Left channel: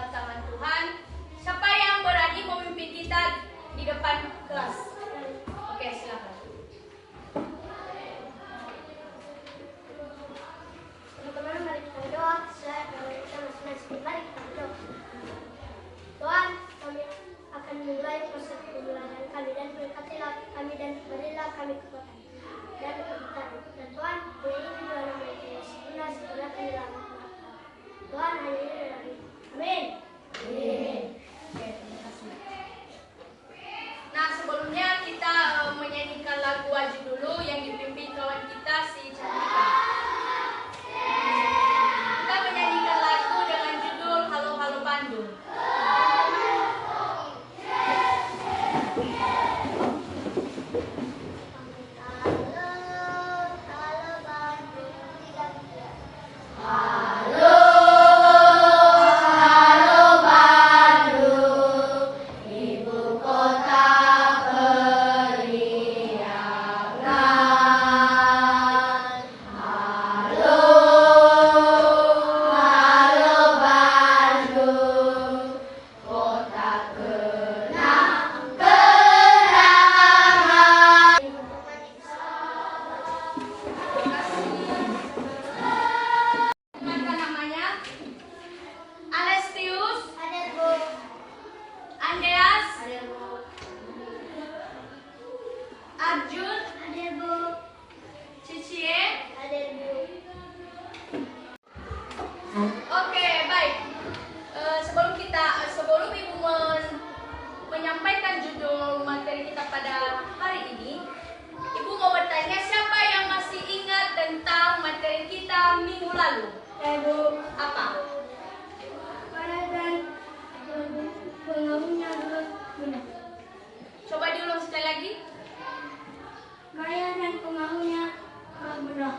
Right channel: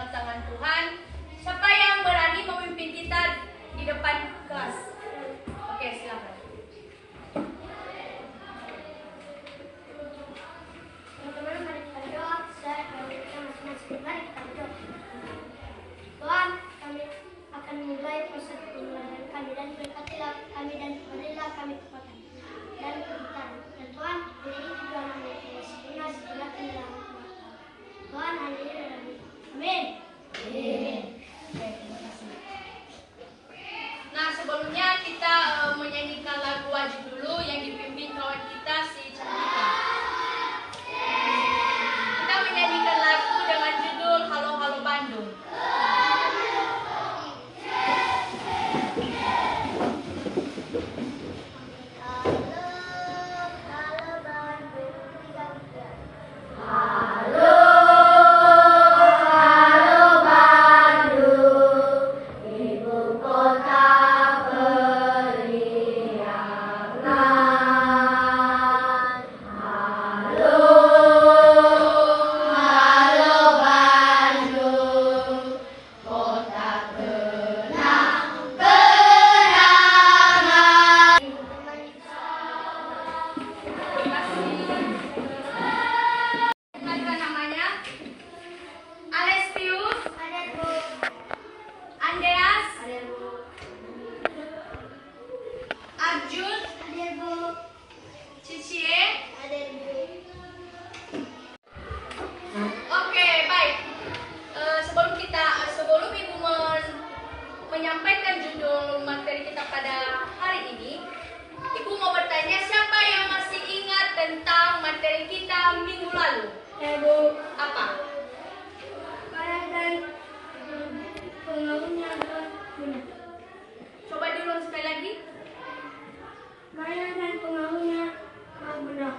dalam tangan Tuhan. Siapa yang berani memimpin kita di depan kelas? Oke, silakan. Teman-teman, mari kita berdoa. Saya kita masing-masing. Mari kita berdoa. Tuhan, kami akan memulai proses pembelajaran kami dan berkatilah kami dan berilah kami kekuatan dan kegiatan. Dan Tuhan, beri juga nama Yesus. Inilah segala kami dalam Tuhan, hanya ini dalam hidup. Amin. Amin. Oke, terima kasih. Nah, sebelumnya kita menyanyikan lagu wajib dulu yang dipimpin kawan kita si Cantika. Kita menyanyikan lagu dengan judul Halo Halo Bandung. Sebelum Ibu menyampaikan judul materi kita pada hari ini, Ibu mau bertanya siapa yang masih ingat tentang materi kita minggu lalu? Ibu, Apa? Gaya dan pengaruhnya adalah benar. Coba diulang sekali lagi. Gaya dan pengaruhnya benar.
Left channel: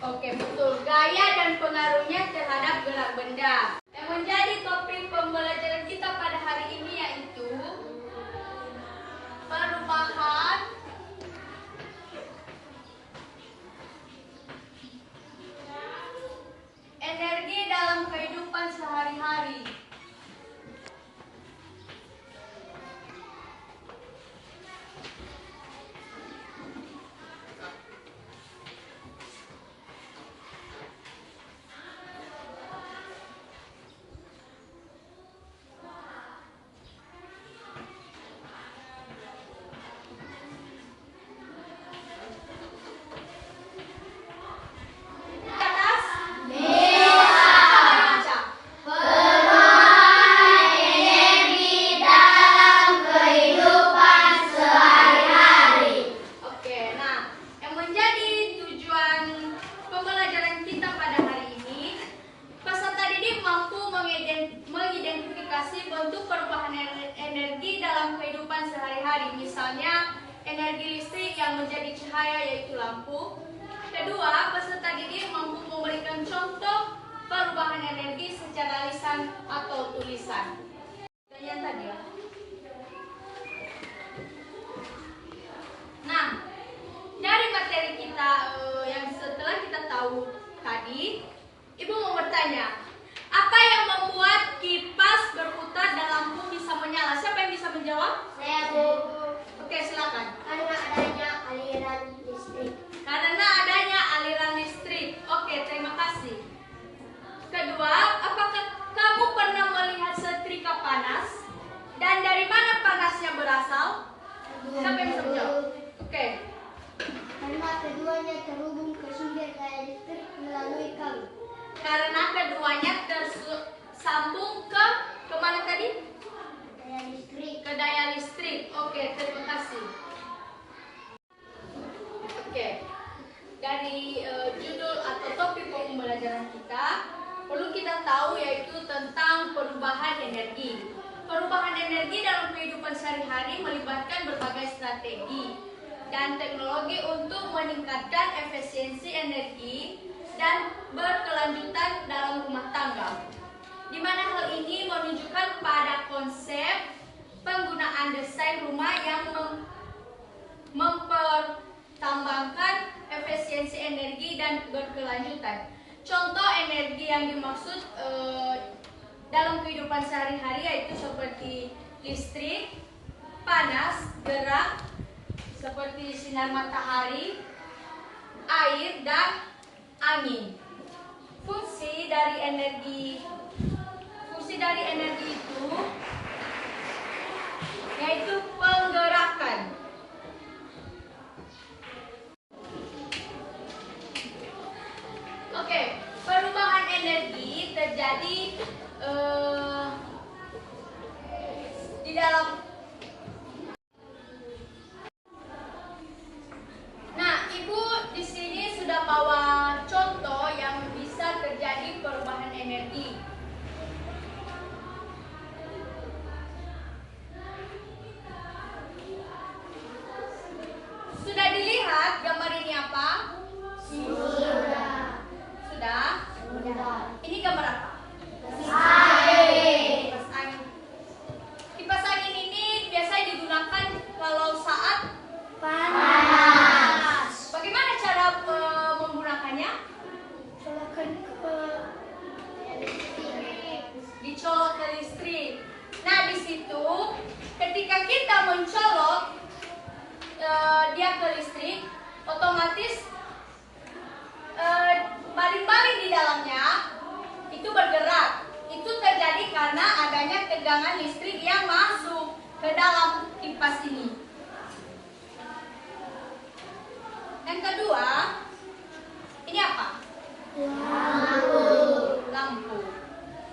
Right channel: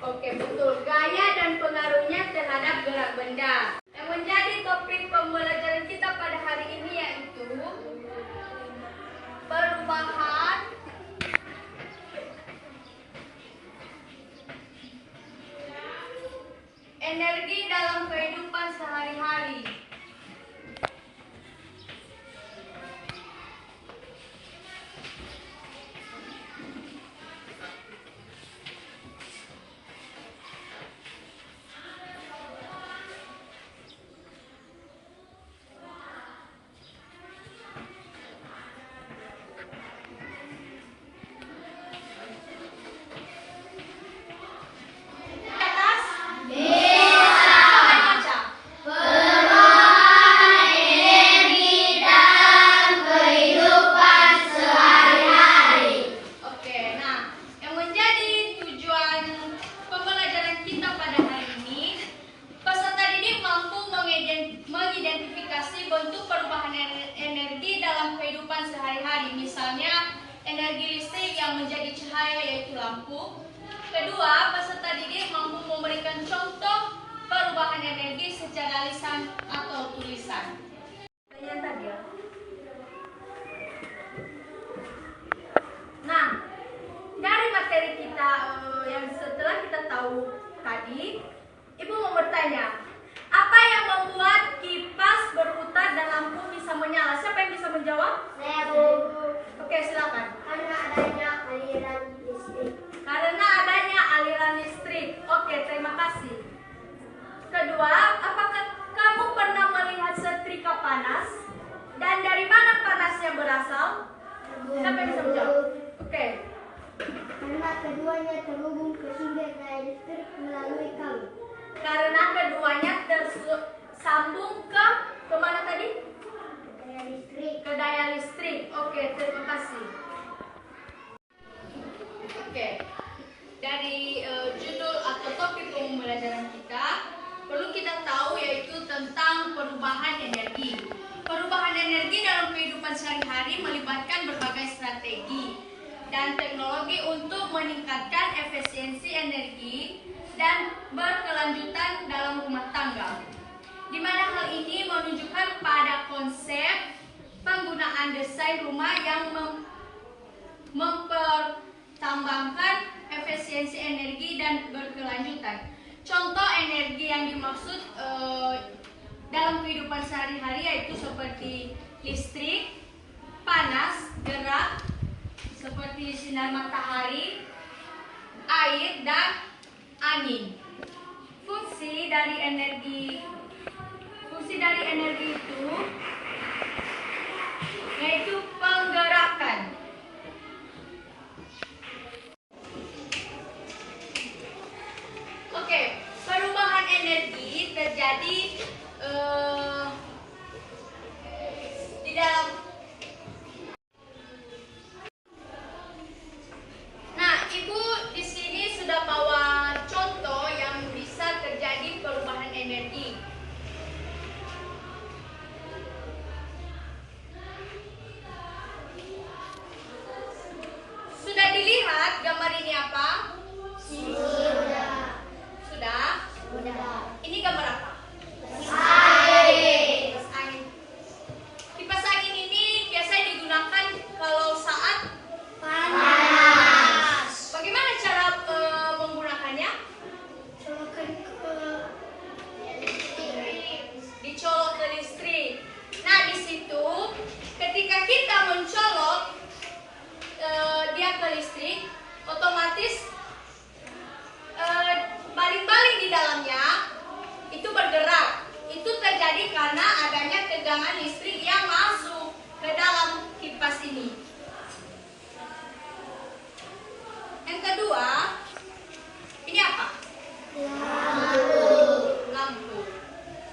Oke, betul. Gaya dan pengaruhnya terhadap gerak benda. Yang menjadi topik pembelajaran kita pada hari ini yaitu perubahan energi dalam kehidupan sehari-hari. Mengidentifikasi bentuk perubahan energi dalam kehidupan sehari-hari, misalnya energi listrik yang menjadi cahaya yaitu lampu. Kedua, peserta didik mampu memberikan contoh perubahan energi secara lisan atau tulisan. Yang tadi ya. Nah, dari materi kita yang setelah kita tahu tadi, Ibu mau bertanya, apa yang membuat kipas berputar dan lampu bisa menyala? Siapa yang bisa menjawab? Saya, Bu. Oke, silakan. Karena adanya aliran listrik. Karena adanya aliran listrik. Oke, terima kasih. Kedua, apakah kamu pernah melihat setrika panas? Dan dari mana panasnya berasal? Siapa yang bisa menjawab? Oke. Karena keduanya terhubung ke sumber daya listrik melalui kabel. Karena keduanya tersambung ke mana tadi? Daya listrik. Ke daya listrik. Oke, terima kasih. Oke. Dari judul atau topik pembelajaran kita, perlu kita tahu yaitu tentang perubahan energi. Perubahan energi dalam kehidupan sehari-hari melibatkan berbagai strategi dan teknologi untuk meningkatkan efisiensi energi dan berkelanjutan dalam rumah tangga, di mana hal ini menunjukkan pada konsep penggunaan desain rumah yang mempertimbangkan efisiensi energi dan berkelanjutan. Contoh energi yang dimaksud dalam kehidupan sehari-hari, yaitu seperti listrik, panas, gerak, seperti sinar matahari, air, dan angin. Fungsi dari energi itu yaitu penggerakan. Oke, perubahan energi terjadi di dalam. Nah, Ibu di sini sudah bawa contoh yang bisa terjadi perubahan energi. Sudah dilihat gambar ini apa? Sudah? Ini gambar apa? Kipas angin. Kipas angin ini biasanya digunakan kalau saat panas. Bagaimana cara menggunakannya? Dicolok ke listrik. Nah, di situ ketika kita mencolok dia ke listrik, otomatis baling-baling di dalamnya itu bergerak. Itu terjadi karena adanya tegangan listrik yang masuk ke dalam kipas ini. Yang kedua, ini apa? Lampu.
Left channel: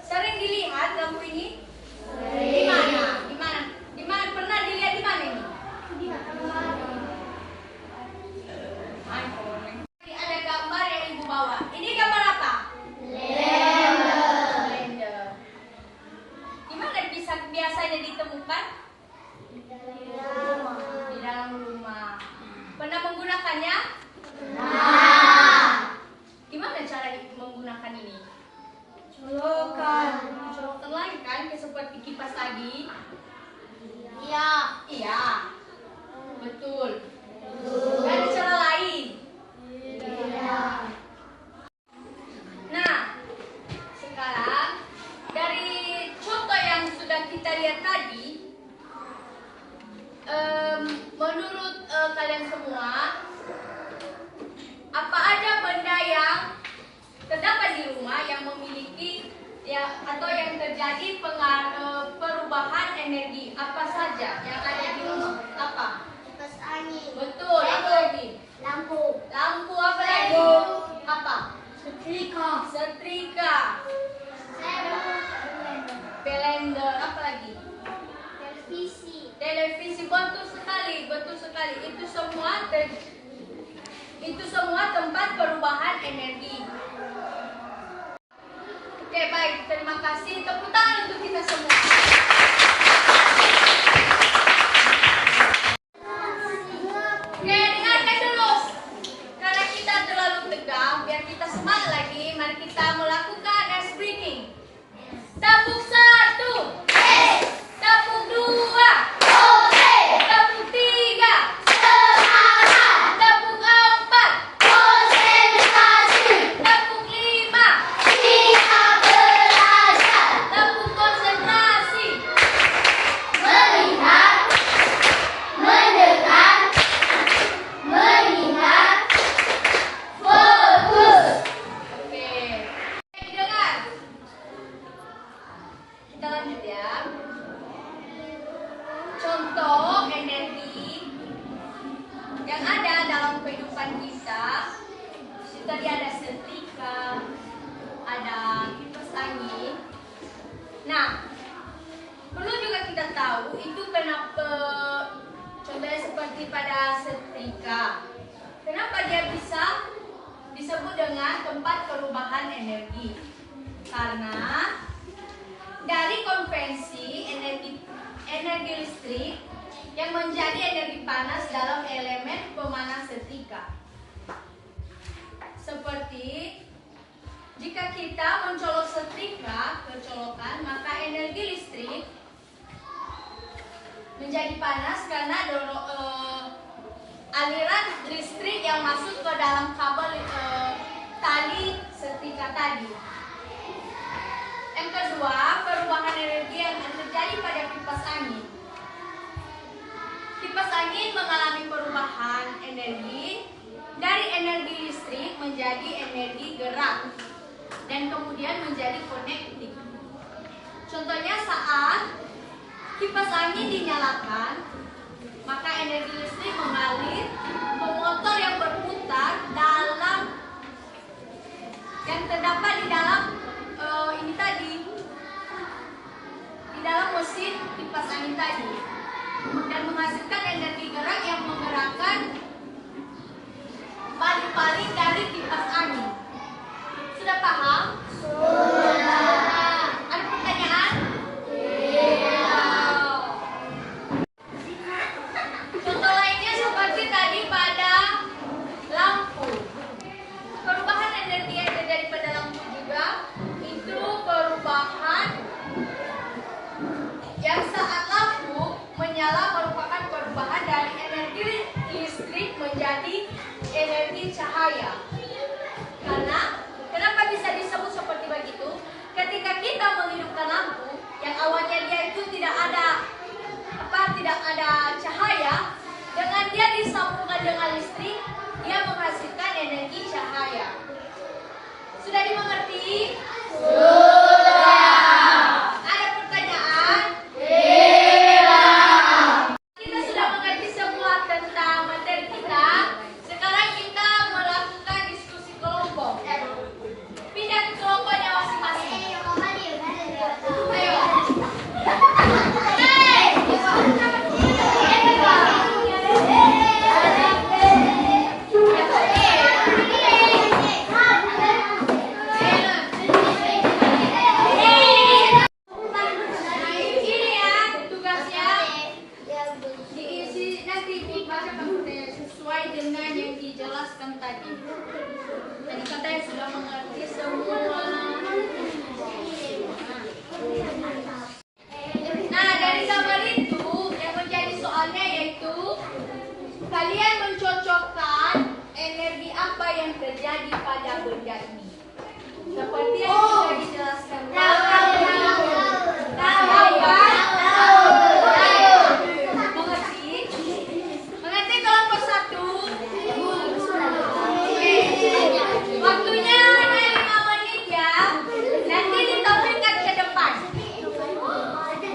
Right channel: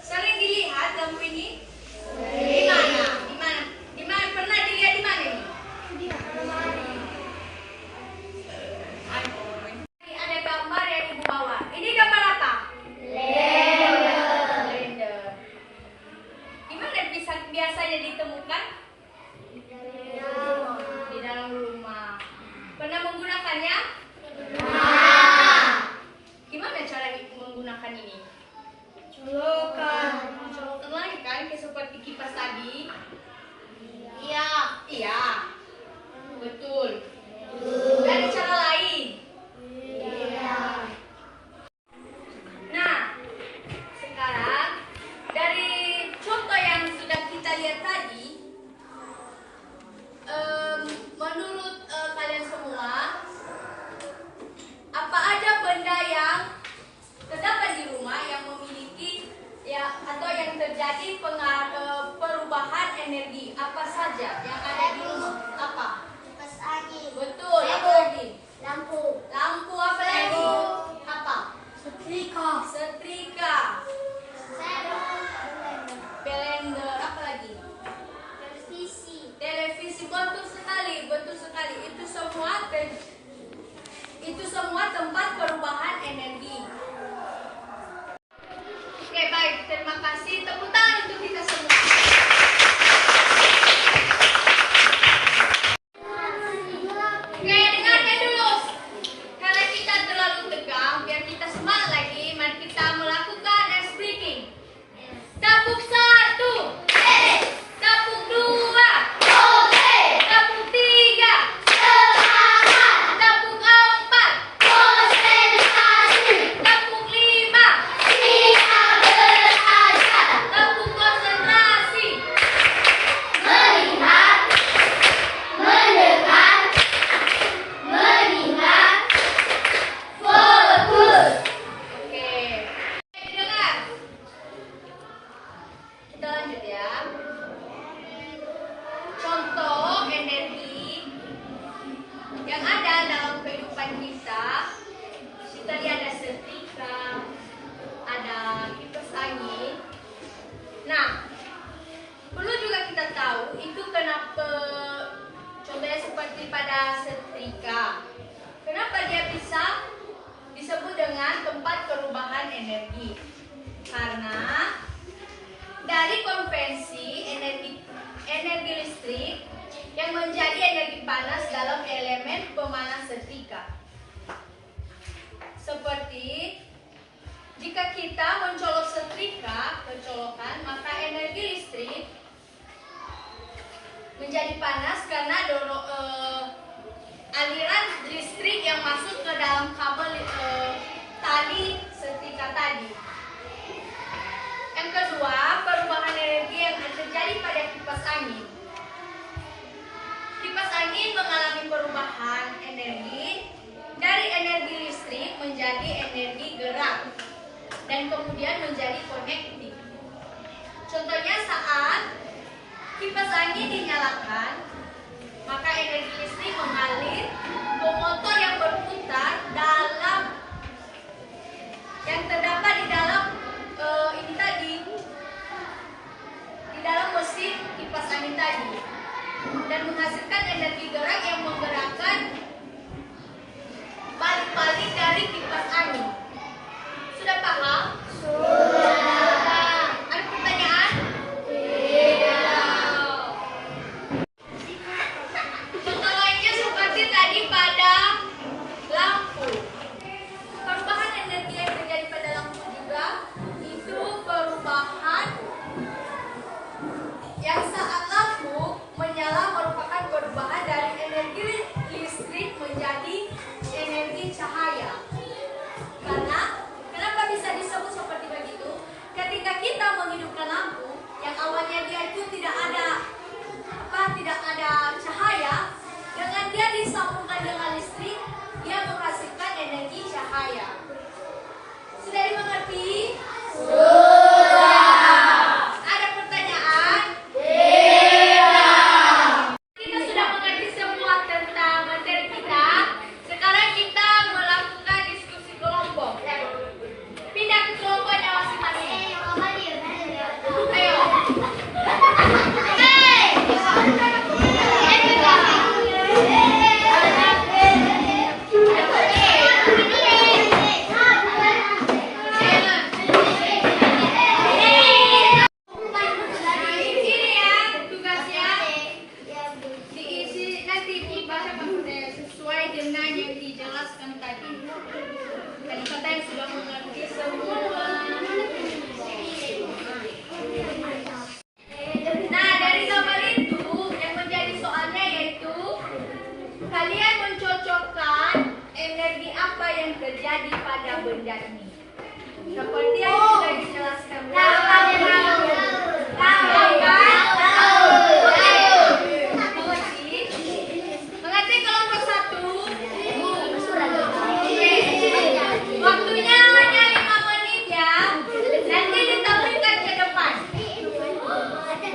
Sering dilihat lampu ini? Di mana? Di mana? Di mana? Pernah dilihat di mana ini? Ada gambar yang Ibu bawa. Ini gambar apa? Blender. Di mana biasanya ditemukan? Di dalam rumah. Pernah menggunakannya? Gimana cara menggunakan ini? Colokan lagi kan, kayak seperti kipas tadi. Iya. Betul. Dari cara lain. Nah, sekarang dari contoh yang sudah kita lihat tadi, menurut kalian semua, apa ada benda yang terdapat di rumah yang memiliki atau yang terjadi perubahan energi? Apa saja yang ada di rumah? Apa? Kipas angin. Betul. Apa lagi? Lampu. Apa lagi? Apa? Setrika. Blender. Apa lagi? Televisi. Betul sekali. Itu semua tempat perubahan energi. Oke, baik. Terima kasih. Tepuk tangan untuk kita semua. Oke, dengarkan dulu. Karena kita terlalu tegang, biar kita semangat lagi, mari kita melakukan ice breaking. Tepuk 1. Tepuk 2. Tepuk 3. Tepuk 4. Tepuk 5. Tepuk konsentrasi. Oke. Didengar. Kita lanjut ya. Contoh energi yang ada dalam kehidupan kita. Tadi ada setrika, ada kipas angin. Nah, perlu juga kita tahu itu kenapa, contohnya seperti pada setrika, kenapa dia bisa disebut dengan tempat perubahan energi? Karena dari konvensi energi listrik yang menjadi energi panas dalam elemen pemanas setrika. Seperti jika kita mencolok setrika ke colokan, maka energi listrik menjadi panas karena aliran listrik yang masuk ke dalam kabel tali setrika tadi. Yang kedua, perubahan energi yang terjadi pada kipas angin. Kipas angin mengalami perubahan energi dari energi listrik menjadi energi gerak dan kemudian menjadi konektif. Contohnya saat kipas angin dinyalakan, maka energi listrik mengalir ke motor yang berputar yang terdapat di dalam di dalam mesin kipas angin tadi, dan menghasilkan energi gerak yang menggerakkan balik-balik dari kipas angin. Sudah paham? Ada pertanyaan? Contoh lainnya seperti tadi pada lampu. Perubahan energi yang terjadi pada lampu juga itu perubahan yang saat lampu menyala merupakan perubahan dari energi listrik menjadi energi cahaya. Karena kenapa bisa disebut seperti begitu? Ketika kita menghidupkan lampu yang awalnya dia itu tidak ada cahaya, dengan dia disambungkan dengan listrik, dia menghasilkan energi cahaya. Sudah dimengerti? Sudah. Ada pertanyaan? Tidak. Kita sudah mengerti semua tentang materi kita. Sekarang kita melakukan diskusi kelompok. Pindah ke kelompoknya masing-masing. Ayo. Sesuai dengan yang dijelaskan tadi. Tadi kata yang sudah mengerti semua. Nah, dari gambar itu yang menjadi soalnya yaitu kalian mencocokkan energi apa yang terjadi pada benda ini. Seperti yang sudah dijelaskan. Waktunya hanya 5 menit ya. Nanti ditampilkan ke depan. Oke.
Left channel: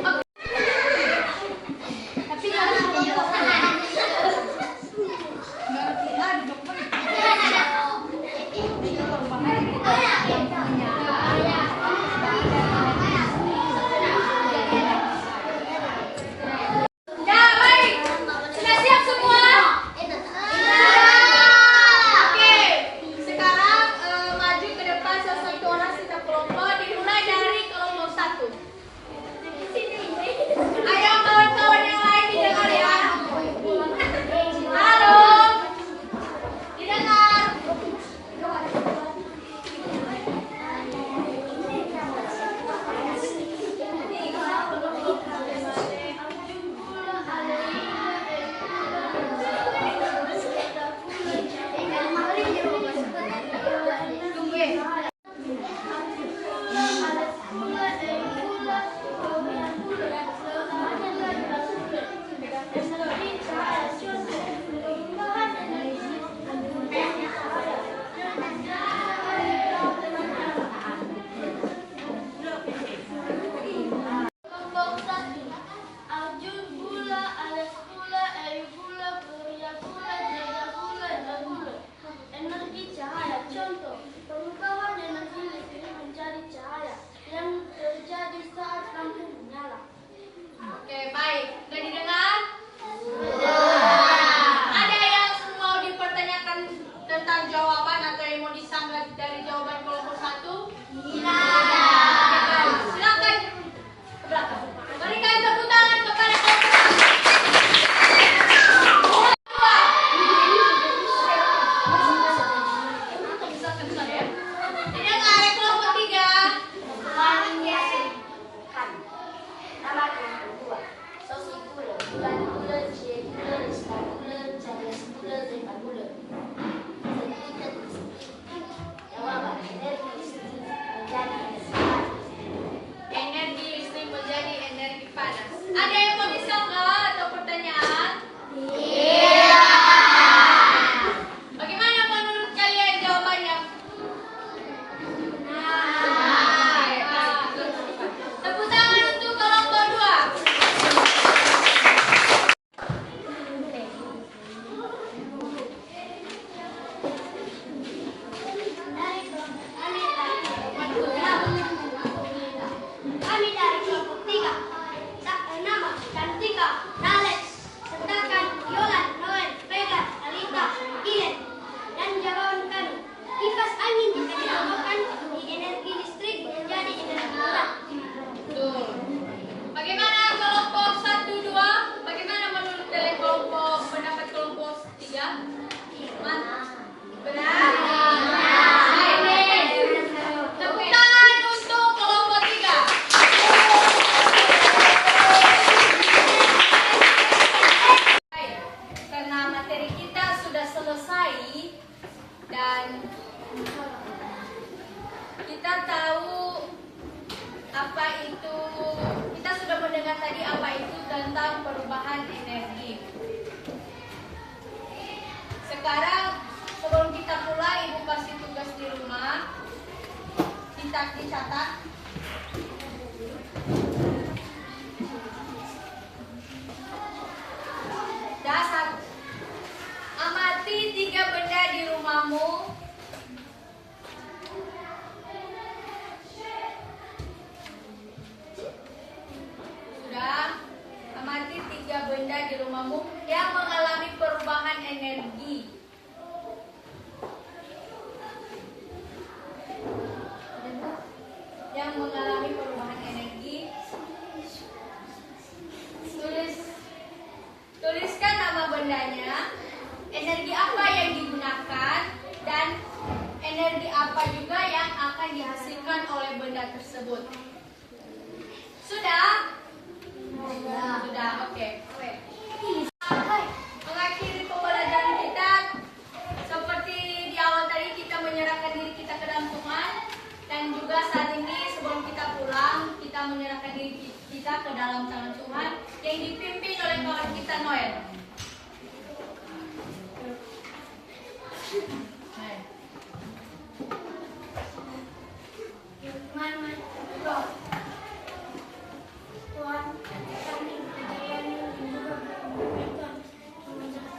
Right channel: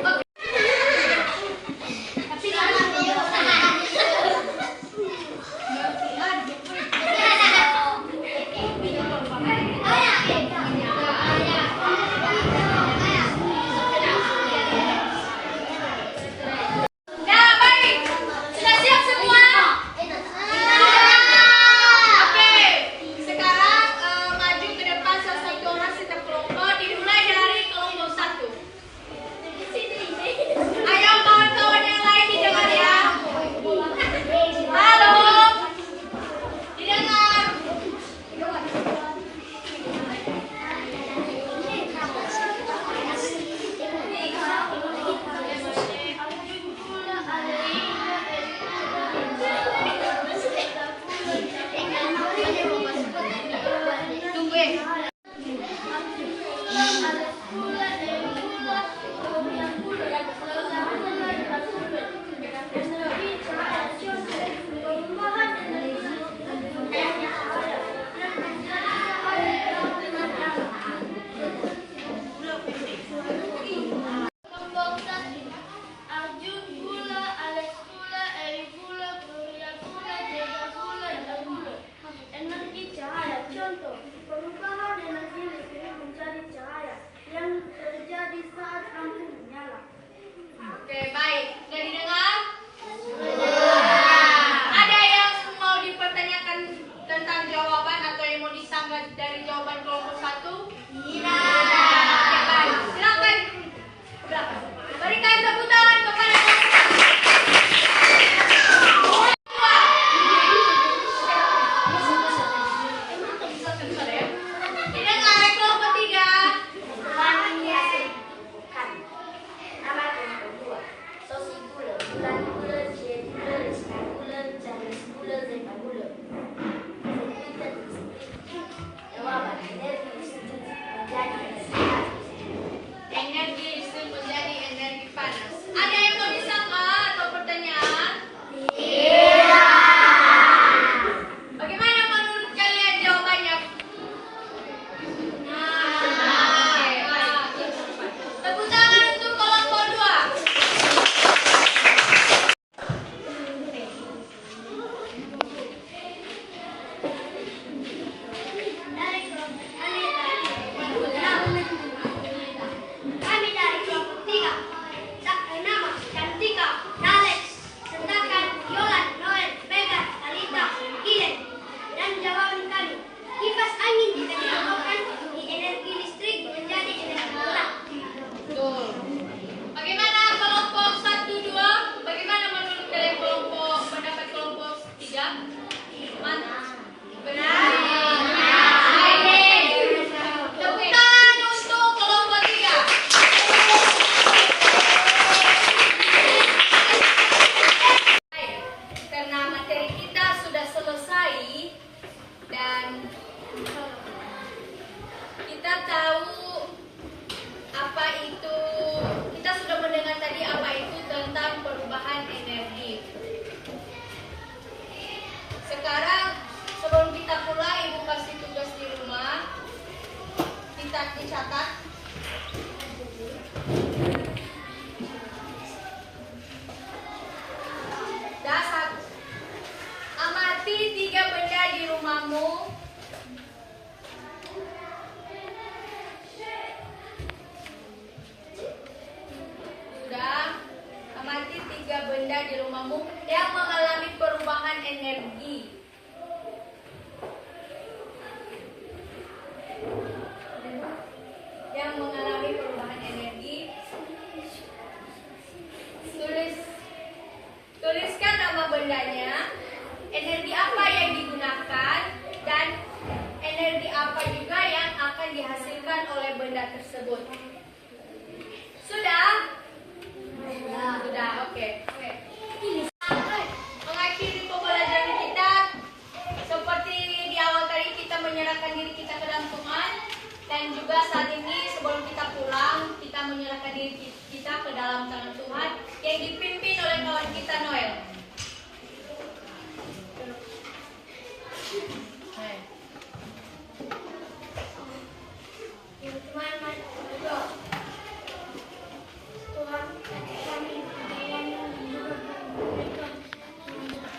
Mantap. Benar. Baik. Tepuk tangan untuk kelompok 3. Baik. Karena materi kita sudah selesai dan kita tahu apa itu, kita sudah mendengar tadi apa itu tentang perubahan energi. Sekarang sebelum kita mulai, Ibu kasih tugas di rumah. Kita dicatat. Dasar. Amati 3 benda di rumahmu. Sudah. Amati 3 benda di rumahmu yang mengalami perubahan energi. Yang mengalami perubahan energi. Tuliskan nama bendanya, energi apa yang digunakan, dan energi apa juga yang akan dihasilkan oleh benda tersebut. Sudah? Sudah, oke. Mengakhiri pembelajaran kita, seperti di awal tadi kita menyerahkan diri kita ke dalam Tuhan, dan juga saat ini sebelum kita pulang, kita menyerahkan diri kita ke dalam tangan Tuhan yang dipimpin oleh kawan kita Noel. Tuhan, kami berdoa juga berdoa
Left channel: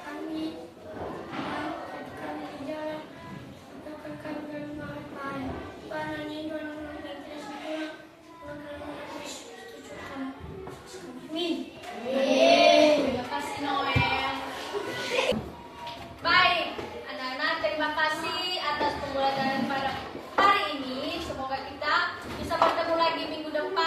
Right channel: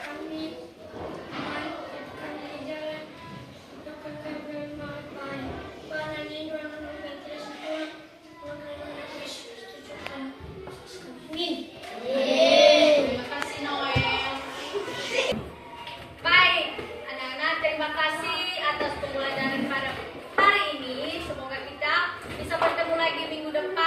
kami, Tuhan, kami jalan, untuk kami bermanfaat. Tuhan, ini dalam nama Yesus Tuhan, dalam nama Yesus Tuhan. Amin. Terima kasih Noel. Baik, anak-anak, terima kasih atas pembelajaran pada hari ini. Semoga kita bisa bertemu lagi minggu depan.